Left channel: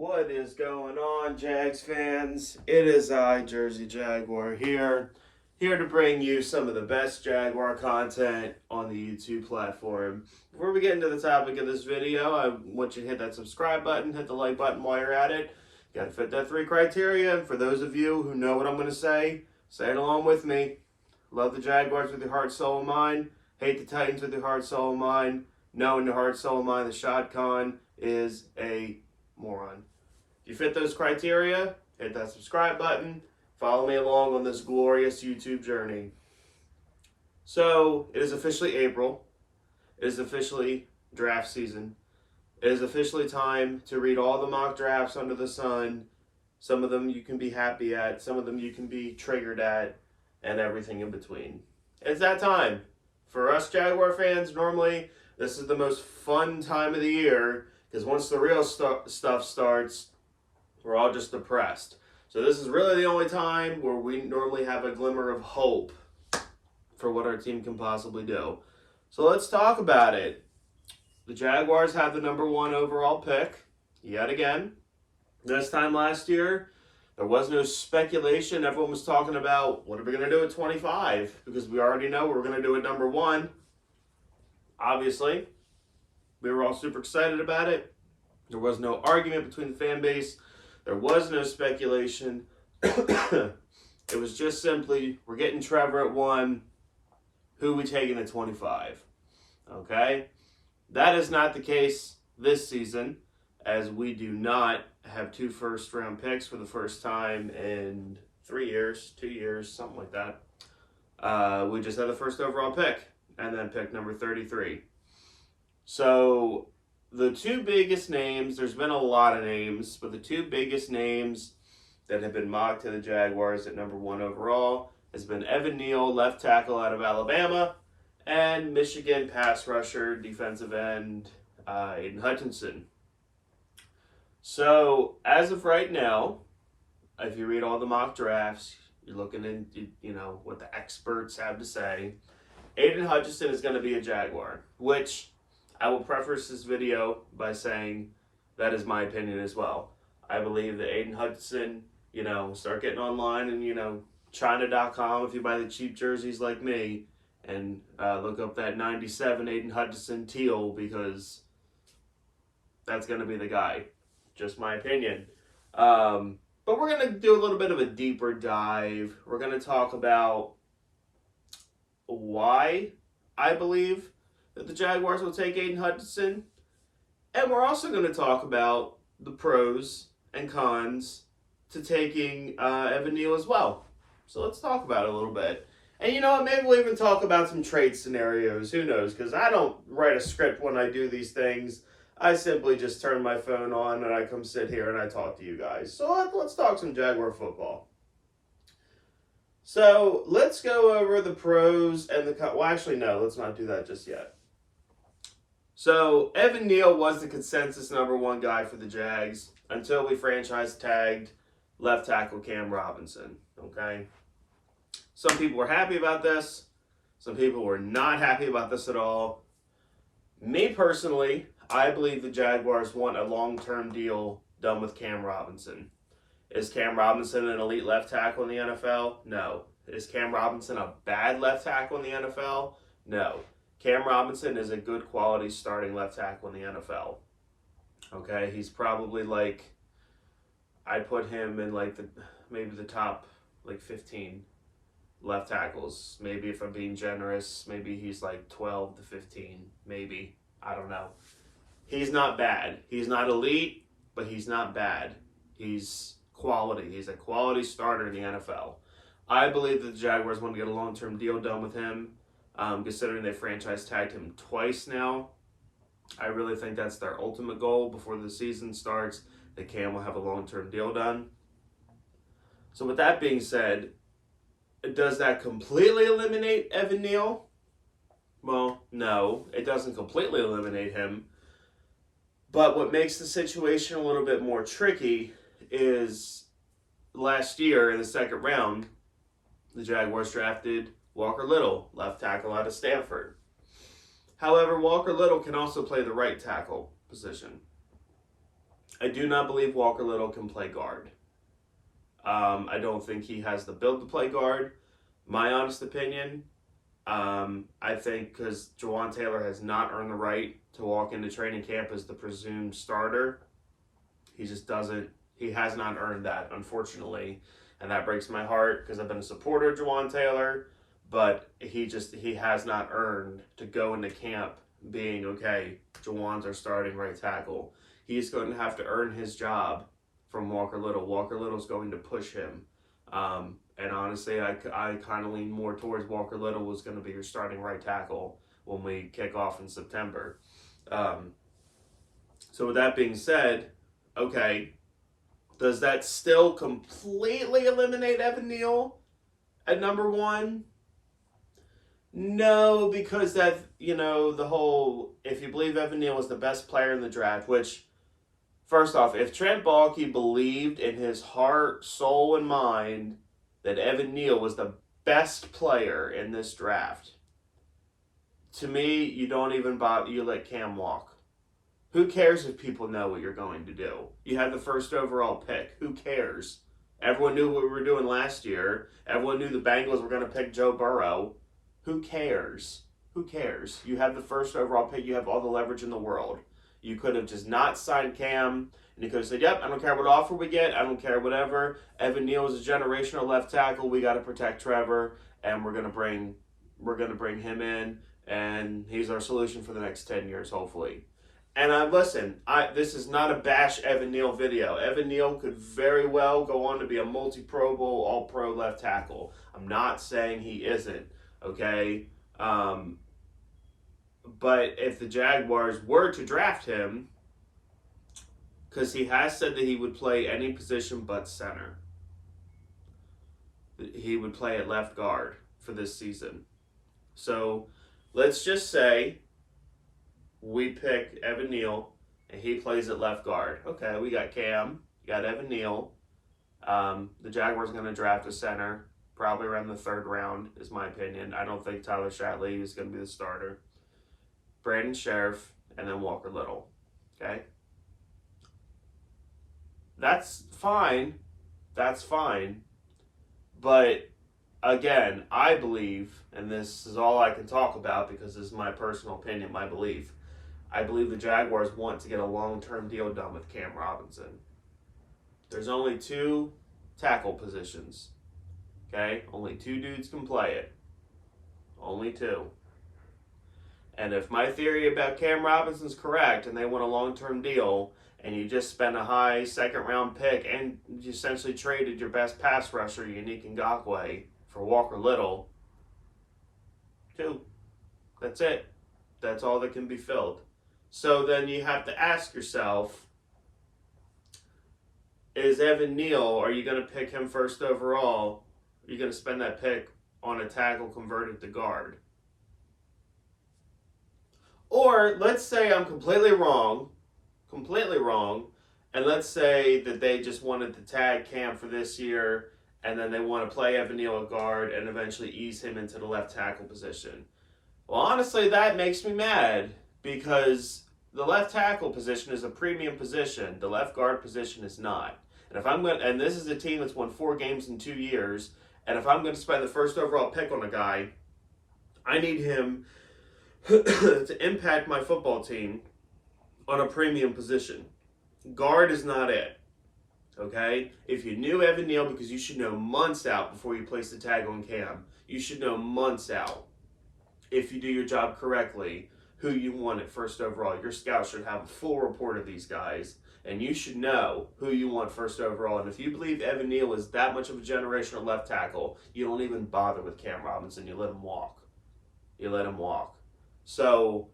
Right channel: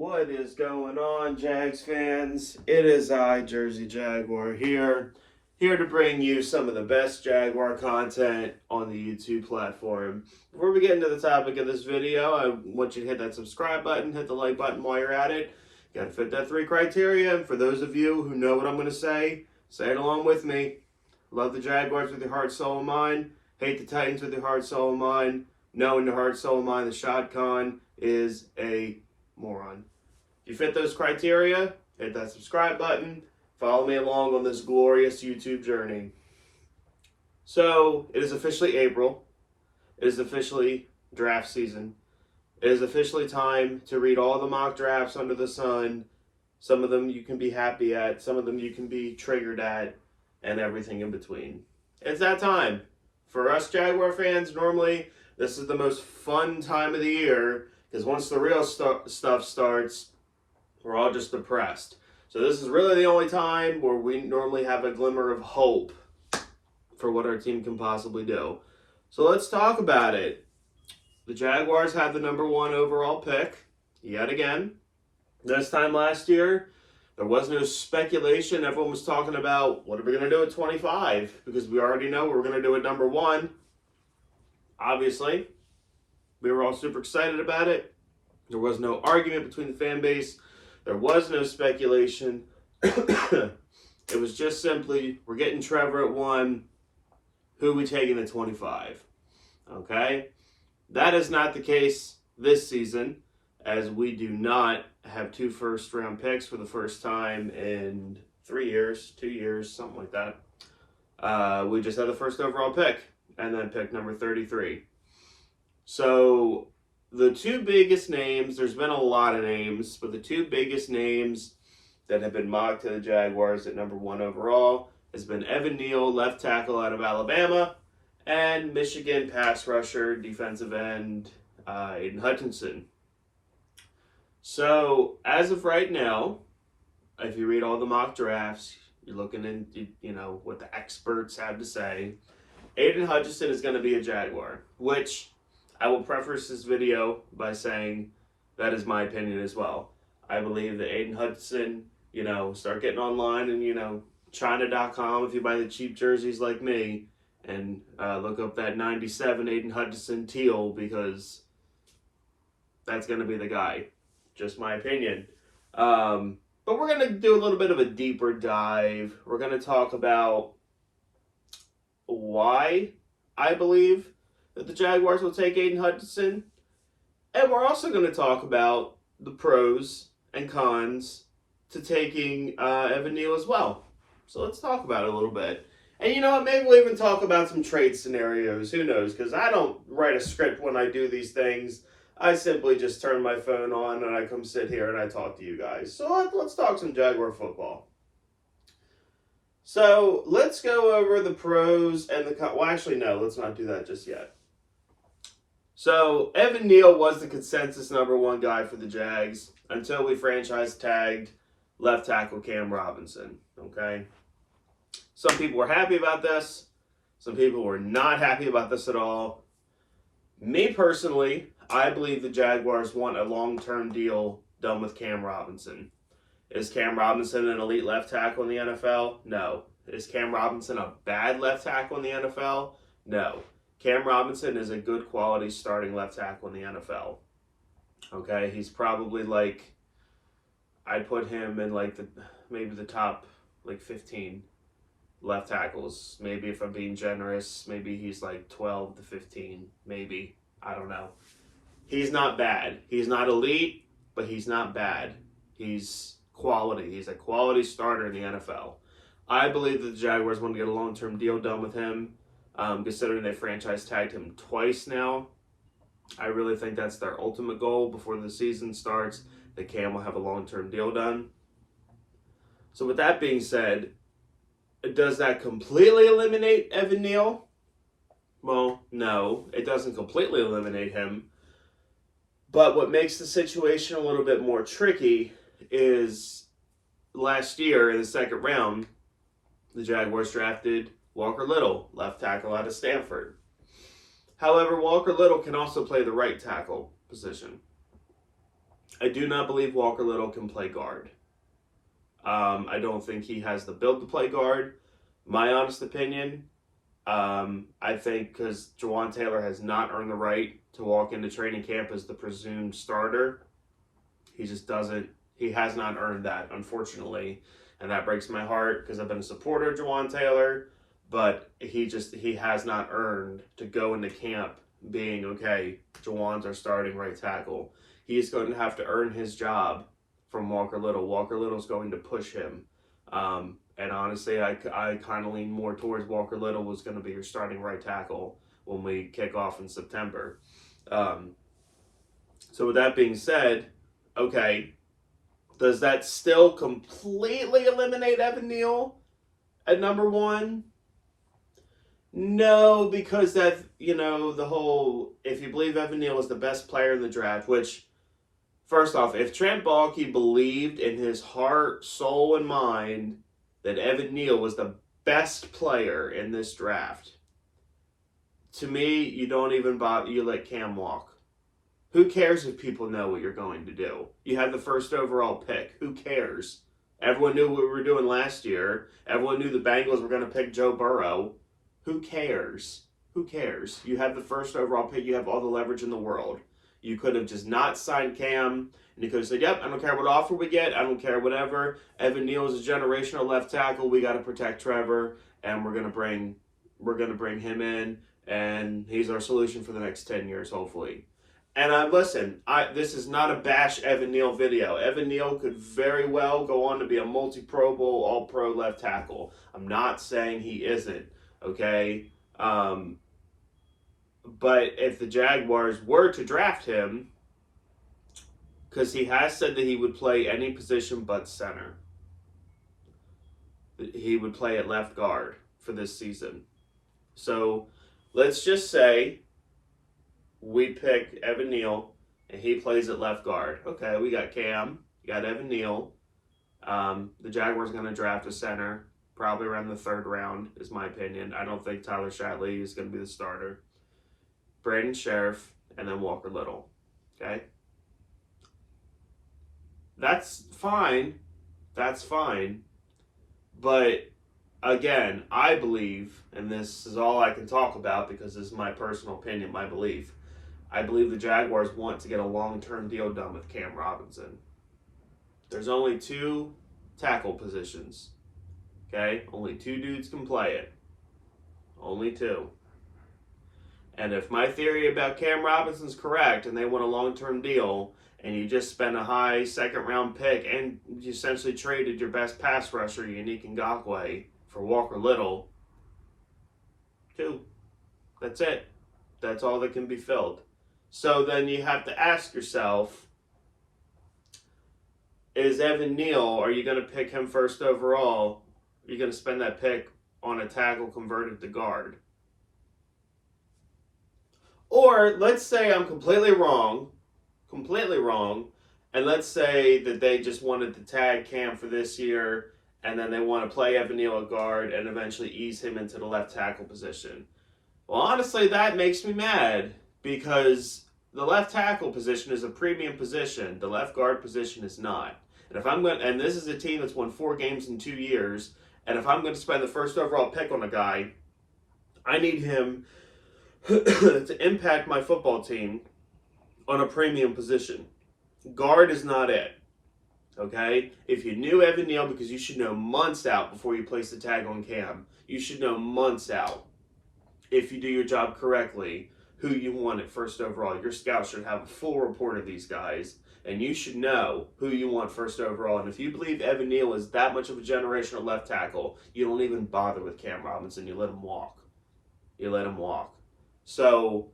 What is going on, Jags fans? It is I, Jersey Jaguar, here to bring you some of the best Jaguar content on the YouTube platform. Before we get into the topic of this video, I want you to hit that subscribe button, hit the like button while you're at it. You gotta fit that 3 criteria, and for those of you who know what I'm gonna say it along with me. Love the Jaguars with your heart, soul, and mind. Hate the Titans with your heart, soul, and mind. Know in your heart, soul, and mind the Shad Khan is a moron. If you fit those criteria, hit that subscribe button. Follow me along on this glorious YouTube journey. So, it is officially April. It is officially draft season. It is officially time to read all the mock drafts under the sun. Some of them you can be happy at, some of them you can be triggered at, and everything in between. It's that time. For us Jaguar fans, normally this is the most fun time of the year because once the real stuff starts, we're all just depressed. So this is really the only time where we normally have a glimmer of hope for what our team can possibly do. So let's talk about it. The Jaguars have the #1 overall pick, yet again. This time last year, there was no speculation. Everyone was talking about, what are we going to do at 25? Because we already know what we're going to do at #1. Obviously, we were all super excited about it. There was no argument between the fan base. There was no speculation. It was just simply, we're getting Trevor at 1. Who are we taking at 25? Okay? That is not the case this season, as we do not have 2 first-round picks for the first time in 3 years, 2 years, something like that. We just had the first overall pick, and then pick number 33. So the 2 biggest names, there's been a lot of names, but the 2 biggest names that have been mocked to the Jaguars at #1 overall has been Evan Neal, left tackle out of Alabama, and Michigan pass rusher, defensive end, Aiden Hutchinson. So as of right now, if you read all the mock drafts, you're looking into, what the experts have to say, Aiden Hutchinson is going to be a Jaguar, which I will preface this video by saying that is my opinion as well. I believe that Aiden Hutchinson, start getting online and, China.com if you buy the cheap jerseys like me, and look up that 97 Aiden Hutchinson teal, because that's going to be the guy. Just my opinion. But we're going to do a little bit of a deeper dive. We're going to talk about why I believe that the Jaguars will take Aiden Hutchinson. And we're also going to talk about the pros and cons to taking Evan Neal as well. So let's talk about it a little bit. And you know what, maybe we'll even talk about some trade scenarios. Who knows? Because I don't write a script when I do these things. I simply just turn my phone on and I come sit here and I talk to you guys. So let's talk some Jaguar football. So let's go over the pros and the cons. Well, actually, no, let's not do that just yet. So Evan Neal was the consensus #1 guy for the Jags until we franchise tagged left tackle Cam Robinson. Okay. Some people were happy about this. Some people were not happy about this at all. Me personally, I believe the Jaguars want a long-term deal done with Cam Robinson. Is Cam Robinson an elite left tackle in the NFL? No. Is Cam Robinson a bad left tackle in the NFL? No. Cam Robinson is a good quality starting left tackle in the NFL. Okay, he's probably I'd put him in maybe the top 15 left tackles. Maybe if I'm being generous, maybe he's 12 to 15, maybe. I don't know. He's not bad. He's not elite, but he's not bad. He's quality. He's a quality starter in the NFL. I believe that the Jaguars want to get a long-term deal done with him, considering they franchise tagged him twice now. I really think that's their ultimate goal before the season starts, that Cam will have a long-term deal done. So with that being said, does that completely eliminate Evan Neal? Well, no, it doesn't completely eliminate him. But what makes the situation a little bit more tricky is last year in the second round, the Jaguars drafted Walker Little, left tackle out of Stanford. However, Walker Little can also play the right tackle position. I do not believe Walker Little can play guard. I don't think he has the build to play guard. My honest opinion, I think because Jawan Taylor has not earned the right to walk into training camp as the presumed starter. He just doesn't. He has not earned that, unfortunately. And that breaks my heart because I've been a supporter of Jawan Taylor. But he has not earned to go into camp being, okay, Jawan's our starting right tackle. He's going to have to earn his job from Walker Little. Walker Little's going to push him. And honestly, I kind of lean more towards Walker Little was going to be your starting right tackle when we kick off in September. So with that being said, okay, does that still completely eliminate Evan Neal at number one? No, because that, the whole, if you believe Evan Neal is the best player in the draft, which, first off, if Trent Baalke believed in his heart, soul, and mind that Evan Neal was the best player in this draft, to me, you don't even bother, you let Cam walk. Who cares if people know what you're going to do? You had the first overall pick. Who cares? Everyone knew what we were doing last year. Everyone knew the Bengals were going to pick Joe Burrow. Who cares? Who cares? You have the first overall pick. You have all the leverage in the world. You could have just not signed Cam, and you could have said, yep, I don't care what offer we get. I don't care whatever. Evan Neal is a generational left tackle. We got to protect Trevor, and we're going to bring him in, and he's our solution for the next 10 years, hopefully. And listen, this is not a bash Evan Neal video. Evan Neal could very well go on to be a multi-Pro Bowl, all-pro left tackle. I'm not saying he isn't. Okay, but if the Jaguars were to draft him, because he has said that he would play any position but center, he would play at left guard for this season. So let's just say we pick Evan Neal and he plays at left guard. Okay, we got Cam, got Evan Neal. The Jaguars are going to draft a center. Probably around the third round, is my opinion. I don't think Tyler Shatley is going to be the starter. Brandon Sheriff, and then Walker Little. Okay? That's fine. That's fine. But, again, I believe, and this is all I can talk about because this is my personal opinion, my belief. I believe the Jaguars want to get a long-term deal done with Cam Robinson. There's only 2 tackle positions. Okay? Only 2 dudes can play it. Only 2. And if my theory about Cam Robinson's correct and they want a long-term deal and you just spent a high second-round pick and you essentially traded your best pass rusher, Yannick Ngakoue, for Walker Little, 2. That's it. That's all that can be filled. So then you have to ask yourself, is Evan Neal, are you going to pick him first overall? You're going to spend that pick on a tackle converted to guard. Or let's say I'm completely wrong, and let's say that they just wanted to tag Cam for this year, and then they want to play Evan Neal at guard and eventually ease him into the left tackle position. Well, honestly, that makes me mad because the left tackle position is a premium position. The left guard position is not. And this is a team that's won 4 games in 2 years. And if I'm going to spend the first overall pick on a guy, I need him to impact my football team on a premium position. Guard is not it. Okay? If you knew Evan Neal, because you should know months out before you place the tag on Cam, you should know months out, if you do your job correctly, who you want at first overall. Your scout should have a full report of these guys. And you should know who you want first overall. And if you believe Evan Neal is that much of a generational left tackle, you don't even bother with Cam Robinson. You let him walk. You let him walk. So,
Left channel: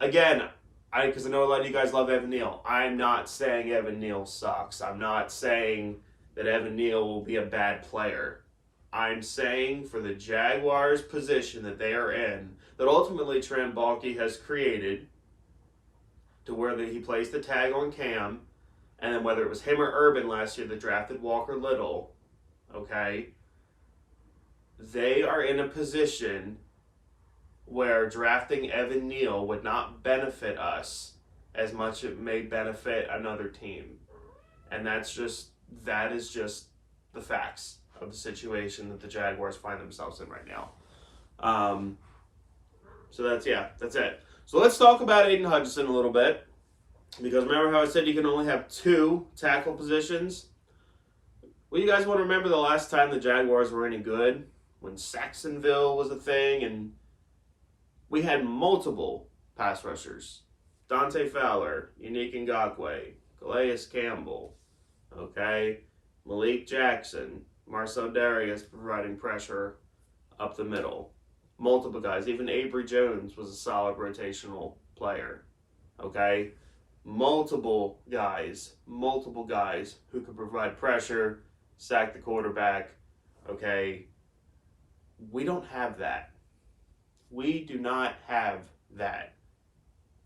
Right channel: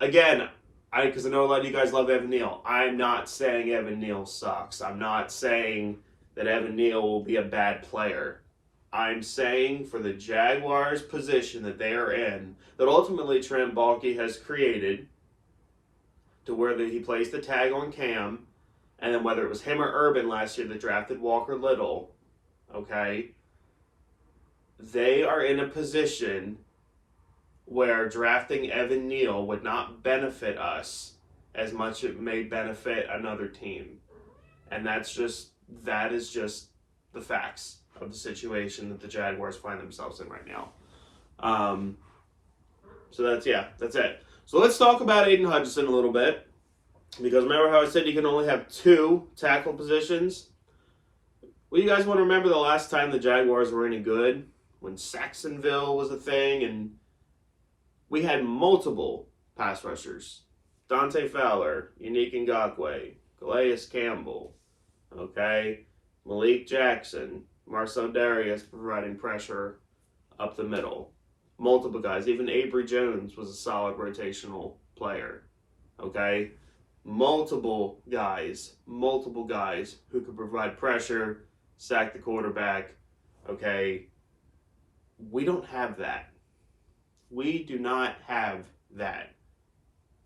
again, because I know a lot of you guys love Evan Neal. I'm not saying Evan Neal sucks. I'm not saying that Evan Neal will be a bad player. I'm saying for the Jaguars' position that they are in, that ultimately Trent Baalke has created, to where he placed the tag on Cam, and then whether it was him or Urban last year that drafted Walker Little, okay, they are in a position where drafting Evan Neal would not benefit us as much it may benefit another team. And that is just the facts of the situation that the Jaguars find themselves in right now. So that's it. So let's talk about Aiden Hutchinson a little bit. Because remember how I said you can only have 2 tackle positions? Well, you guys want to remember the last time the Jaguars were any good? When Jacksonville was a thing and we had multiple pass rushers. Dante Fowler, Unique Ngakoue, Calais Campbell, okay? Malik Jackson, Marcel Darius providing pressure up the middle. Multiple guys. Even Avery Jones was a solid rotational player, okay? Multiple guys who could provide pressure, sack the quarterback, okay? We don't have that. We do not have that.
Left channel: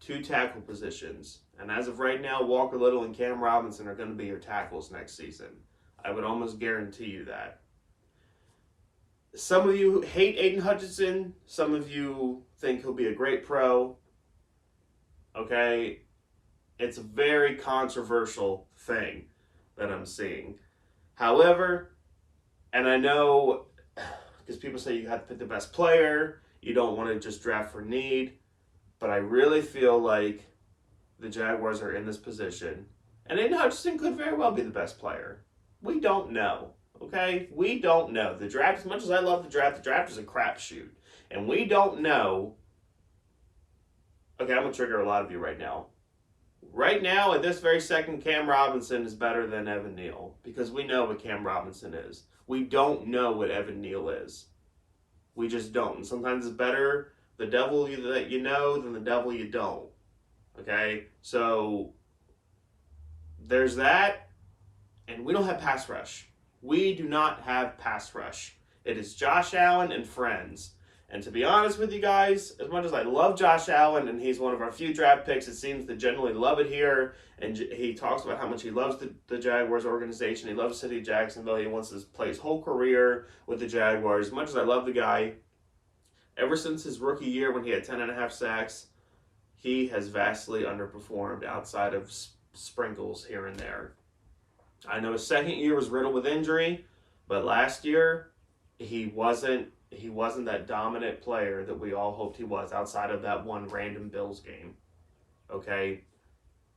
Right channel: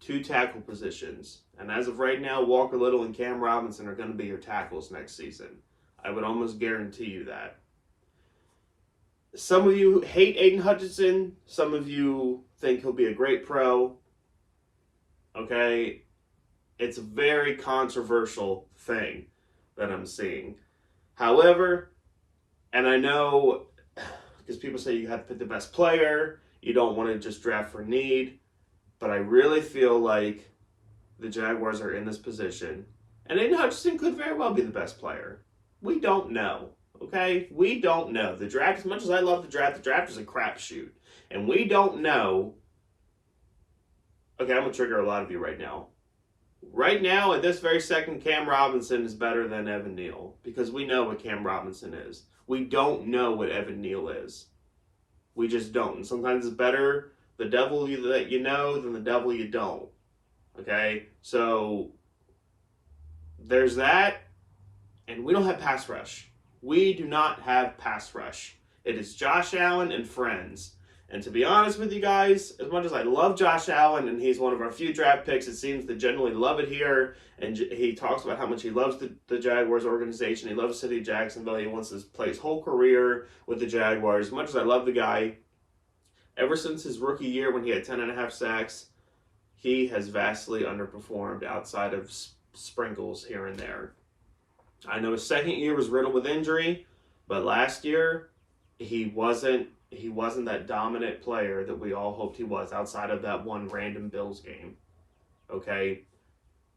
2 tackle positions. And as of right now, Walker Little and Cam Robinson are going to be your tackles next season. I would almost guarantee you that. Some of you hate Aiden Hutchinson. Some of you think he'll be a great pro. Okay? It's a very controversial thing that I'm seeing. However, and I know because people say you have to pick the best player, you don't want to just draft for need, but I really feel like the Jaguars are in this position, and Aiden Hutchinson could very well be the best player. We don't know, okay? We don't know. The draft, as much as I love the draft is a crapshoot, and we don't know. Okay, I'm going to trigger a lot of you right now. Right now, at this very second, Cam Robinson is better than Evan Neal because we know what Cam Robinson is. We don't know what Evan Neal is. We just don't. And sometimes it's better the devil that you know than the devil you don't. Okay? So there's that. And we don't have pass rush. We do not have pass rush. It is Josh Allen and friends. And to be honest with you guys, as much as I love Josh Allen, and he's one of our few draft picks, it seems to generally love it here, and he talks about how much he loves the Jaguars organization, he loves the city of Jacksonville, he wants to play his whole career with the Jaguars. As much as I love the guy, ever since his rookie year when he had 10.5 sacks, he has vastly underperformed outside of sprinkles here and there. I know his second year was riddled with injury, but last year he wasn't that dominant player that we all hoped he was outside of that one random Bills game. Okay?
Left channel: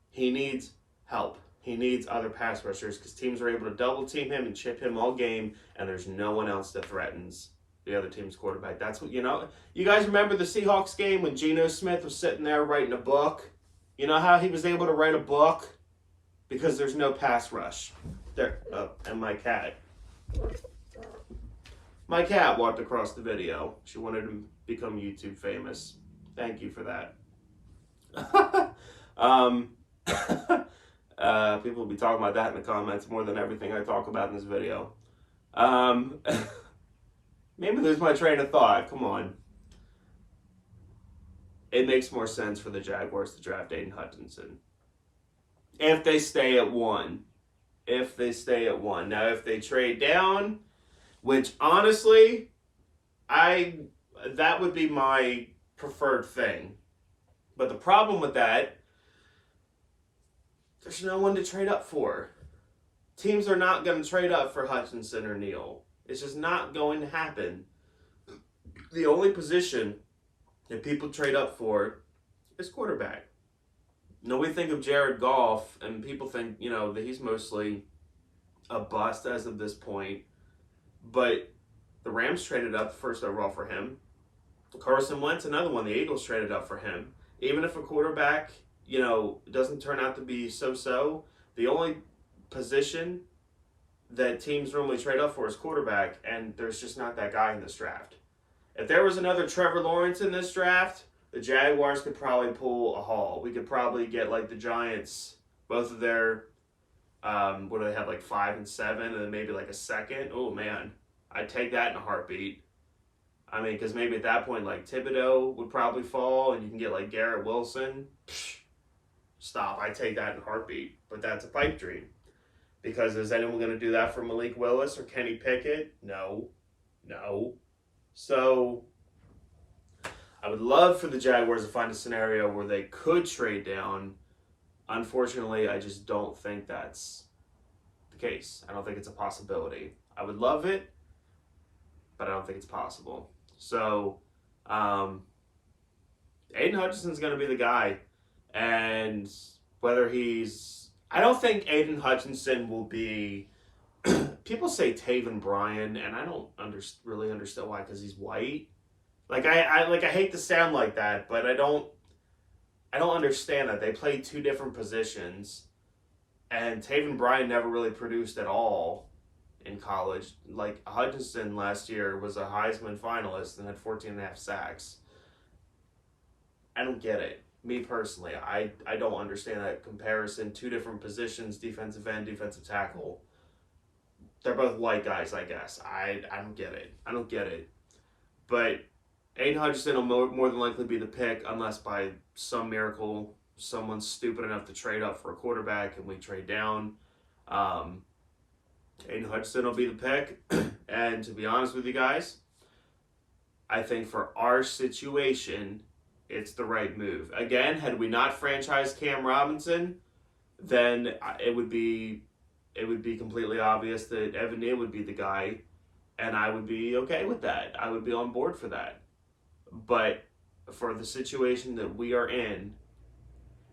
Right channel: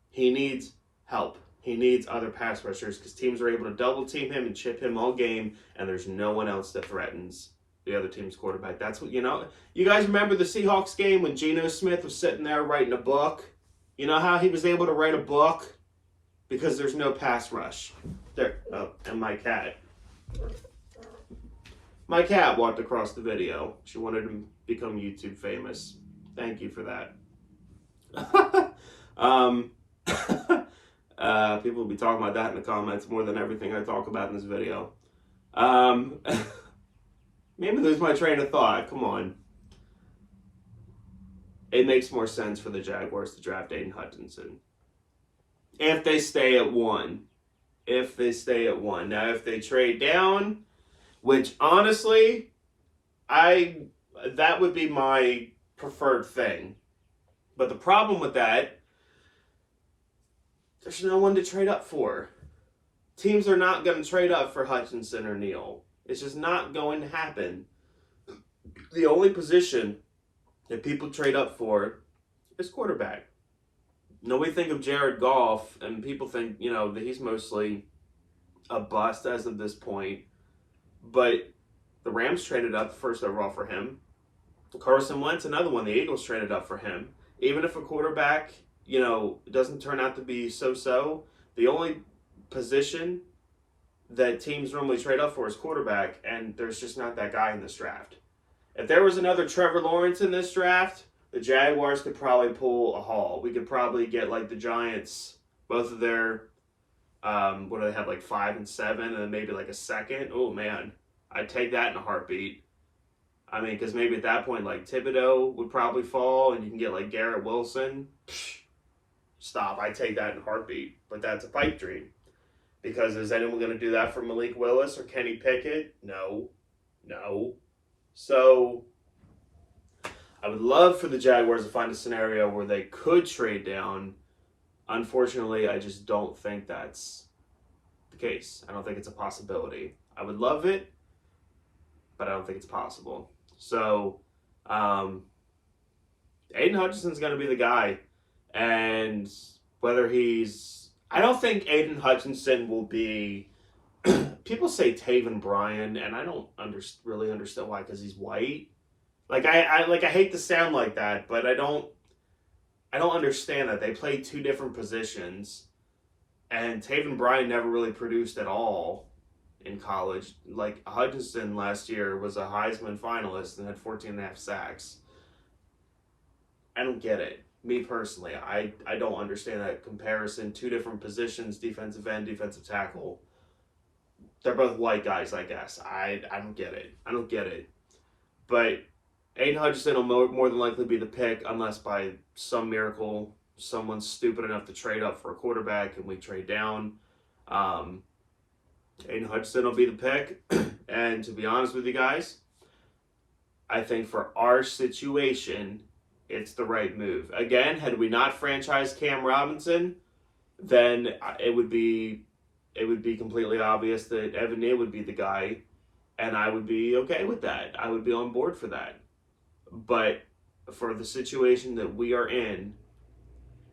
He needs help. He needs other pass rushers because teams are able to double team him and chip him all game, and there's no one else that threatens the other team's quarterback. That's what, you know. You guys remember the Seahawks game when Geno Smith was sitting there writing a book? You know how he was able to write a book? Because there's no pass rush. There. Oh, and my cat. My cat walked across the video. She wanted to become YouTube famous. Thank you for that. People will be talking about that in the comments more than everything I talk about in this video. Maybe lose my train of thought. Come on. It makes more sense for the Jaguars to draft Aiden Hutchinson. If they stay at 1. If they stay at 1. Now, if they trade down, which honestly, that would be my preferred thing. But the problem with that, there's no one to trade up for. Teams are not going to trade up for Hutchinson or Neal. It's just not going to happen. The only position that people trade up for is quarterback. Now we think of Jared Goff, and people think, you know, that he's mostly a bust as of this point. But the Rams traded up first overall for him. Carson Wentz, another one. The Eagles traded up for him. Even if a quarterback, you know, doesn't turn out to be so-so, the only position that teams normally trade up for is quarterback, and there's just not that guy in this draft. If there was another Trevor Lawrence in this draft, the Jaguars could probably pull a haul. We could probably get, like, the Giants, both of their, what do they have, like 5 and 7, and then maybe like a second. Oh, man. I'd take that in a heartbeat. I mean, because maybe at that point, like, Thibodeau would probably fall, and you can get, like, Garrett Wilson. Stop. I'd take that in a heartbeat. But that's a pipe dream. Because is anyone going to do that for Malik Willis or Kenny Pickett? No. No. So I would love for the Jaguars to find a scenario where they could trade down Unfortunately, I just don't think that's the case. I don't think it's a possibility. I would love it, but I don't think it's possible. So, Aiden Hutchinson's going to be the guy. And whether I don't think Aiden Hutchinson will be. People say Taven Bryan, and I don't really understand why, because he's white. Like I hate to sound like that, but I don't understand that they play two different positions, and Taven Bryan never really produced at all in college. Like Hutchinson last year was a Heisman finalist and had 14 and a half sacks. I don't get it. Me personally, I don't understand that comparison. Two different positions, defensive end, defensive tackle. They're both white guys, I guess. I don't get it. I don't get it. But Aiden Hutchinson will more than likely be the pick, unless by some miracle someone's stupid enough to trade up for a quarterback and we trade down. Aiden Hutchinson will be the pick. And to be honest with you guys, I think for our situation, it's the right move. Again, had we not franchised Cam Robinson, then it would be completely obvious that Evan Neal would be the guy, and I would be okay with that. I would be on board for that. But for the situation that we are in,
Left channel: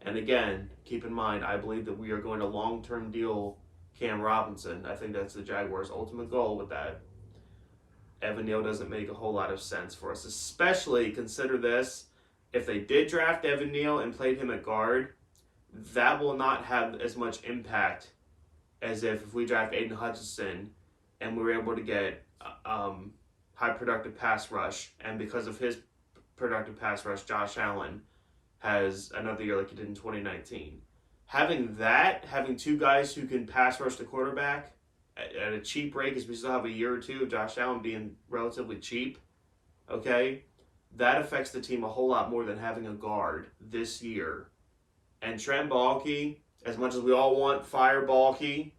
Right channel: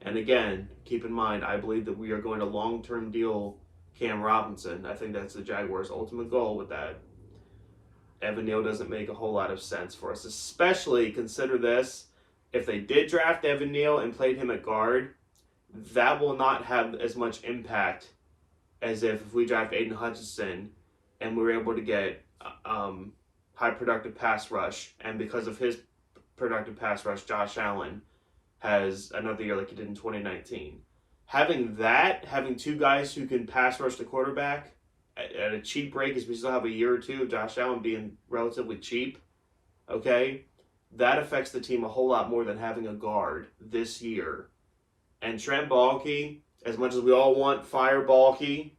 and again, keep in mind, I believe that we are going to long-term deal Cam Robinson. I think that's the Jaguars' ultimate goal with that. Evan Neal doesn't make a whole lot of sense for us, especially consider this. If they did draft Evan Neal and played him at guard, that will not have as much impact as if we draft Aiden Hutchinson and we were able to get high productive pass rush. And because of his productive pass rush, Josh Allen has another year like he did in 2019. Having two guys who can pass rush the quarterback at a cheap rate, because we still have a year or two of Josh Allen being relatively cheap, okay, that affects the team a whole lot more than having a guard this year. And Trent Baalke, as much as we all want fire Baalke,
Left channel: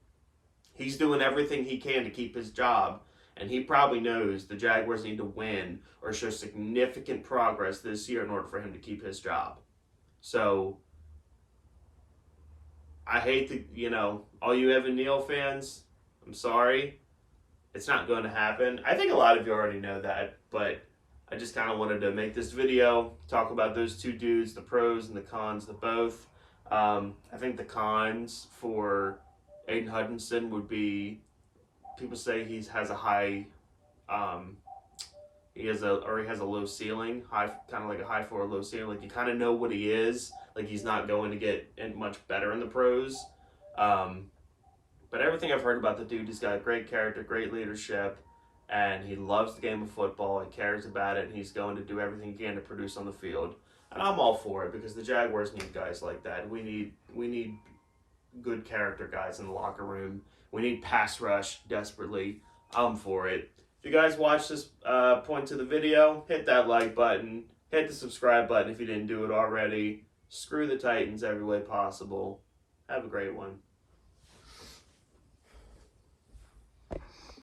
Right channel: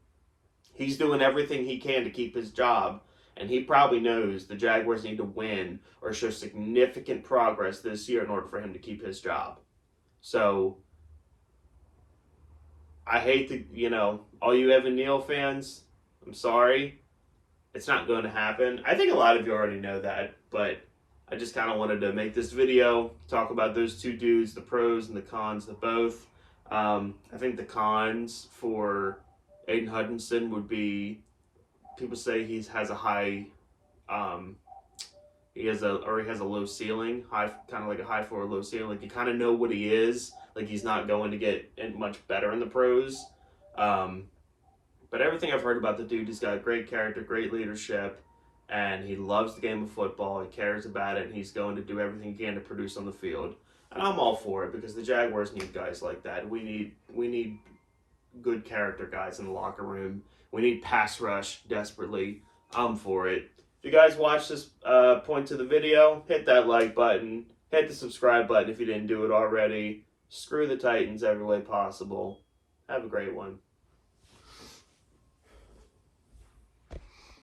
he's doing everything he can to keep his job. And he probably knows the Jaguars need to win or show significant progress this year in order for him to keep his job. So, I hate to, all you Evan Neal fans, I'm sorry. It's not going to happen. I think a lot of you already know that, but I just kind of wanted to make this video, talk about those two dudes, the pros and the cons of both. I think the cons for Aiden Hutchinson would be, people say he has a high, he has a low ceiling, kind of like a high floor, low ceiling. Like you kind of know what he is. Like he's not going to get much better in the pros. But everything I've heard about the dude, he's got great character, great leadership, and he loves the game of football. He cares about it, and he's going to do everything he can to produce on the field. And I'm all for it because the Jaguars need guys like that. We need good character guys in the locker room. We need pass rush desperately. I'm for it. If you guys watched this point to the video, hit that like button. Hit the subscribe button if you didn't do it already. Screw the Titans every way possible. Have a great one.